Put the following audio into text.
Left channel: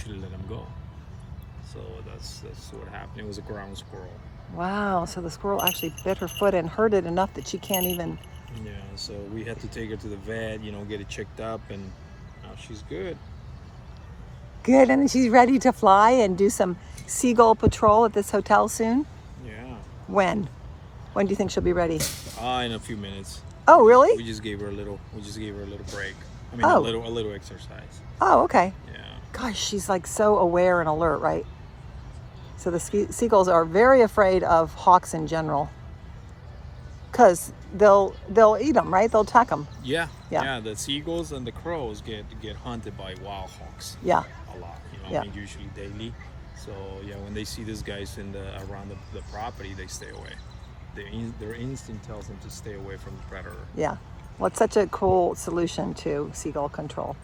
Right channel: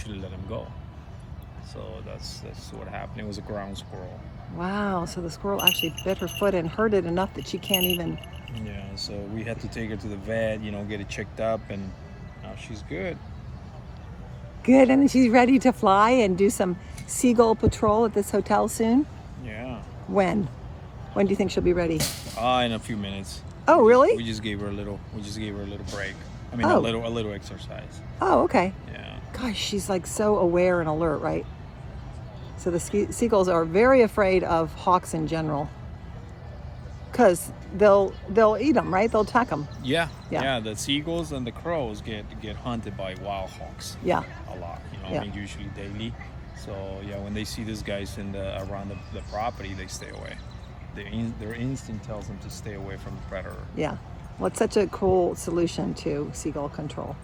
usually let them go. So that's what happened. It was a ground squirrel. Wow, so the squirrel actually bit her foot and hurt it enough that she can't even... Yeah, so we had to take her to the vet, get it checked up, and now she's good. Good, and she's ready to fly and do some seagull patrol at this hotel soon? Yeah. When? When do you think she'll be ready? In a few minutes. Oh, really? We just gave her a little break. I mean, Oh. a little exercise. Oh, okay. Yeah. Gosh, she's like so aware and alert, right? So the seagulls are very afraid of hawks in general, because they'll eat them, right? They'll attack them. Yeah. Yeah. Yeah. The seagulls and the crows get hunted by wild hawks. Yeah. A lot. Yeah. I mean, usually daily. So yeah, when they see these guys around the property, they stay away. Their instinct tells them to stay away from the predator. Yeah. Well, it's such a cool solution to seagull control.